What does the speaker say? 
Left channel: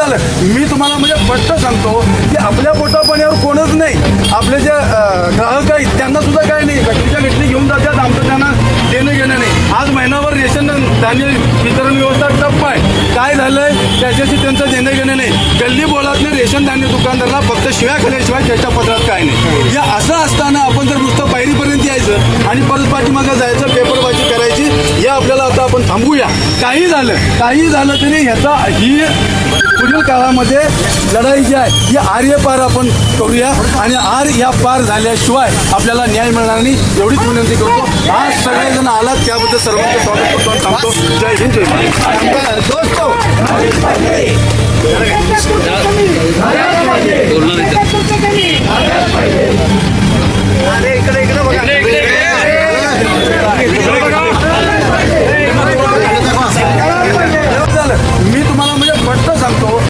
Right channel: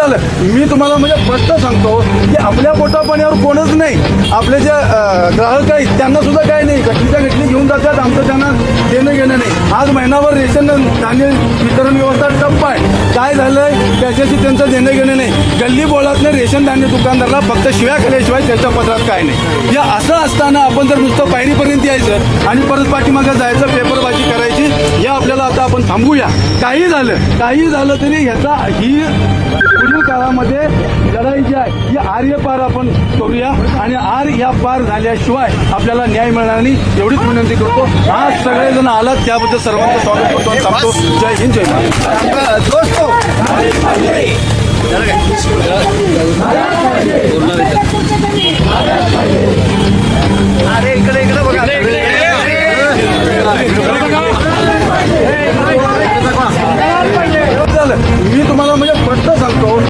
झालं. मी तुम्हाला म्हणजे स्पष्ट सांगतो की आपल्या पोटापाण्यावर कोणच नाही. आपले जे ग्राहक आहेत त्यांना सुद्धा काय नाही. घटनेच्या घटली घेऊन जातात आमचं त्यांना देणं घेणं नाही. आज महिनाभर रेशन धान्य वितरण व्यवस्था टप्प आहे. काय झालंय? त्याच्याशी त्यांचं देणं घेणं नाही. गल्ली बोळातनं रेशन धान्य दुकानदाराला फक्त शिव्या खाल्ल्याशिवाय त्याच्या पत्रात काय नाही. या असं असताना आपण जर नुसतं पायरीपर्यंत यायचं आणि परत पाठीमागं जायचं पेपरबाजी करायची आपल्याला आता आपण थांबूया. काही झालं काही झालं तरी ह्याचा ही पुढील काळामध्ये लढाई जी आहे ही आर्य पार आपण करूया आणि आर या पार झाल्याशिवाय आपल्याला न्याय मिळणार नाही. एवढीच विनंती करतो. आज सगळेजण आलात त्याबद्दल सर्वांचं स्वागत करतो. जय हिंद जय महाराष्ट्र. दोस्तों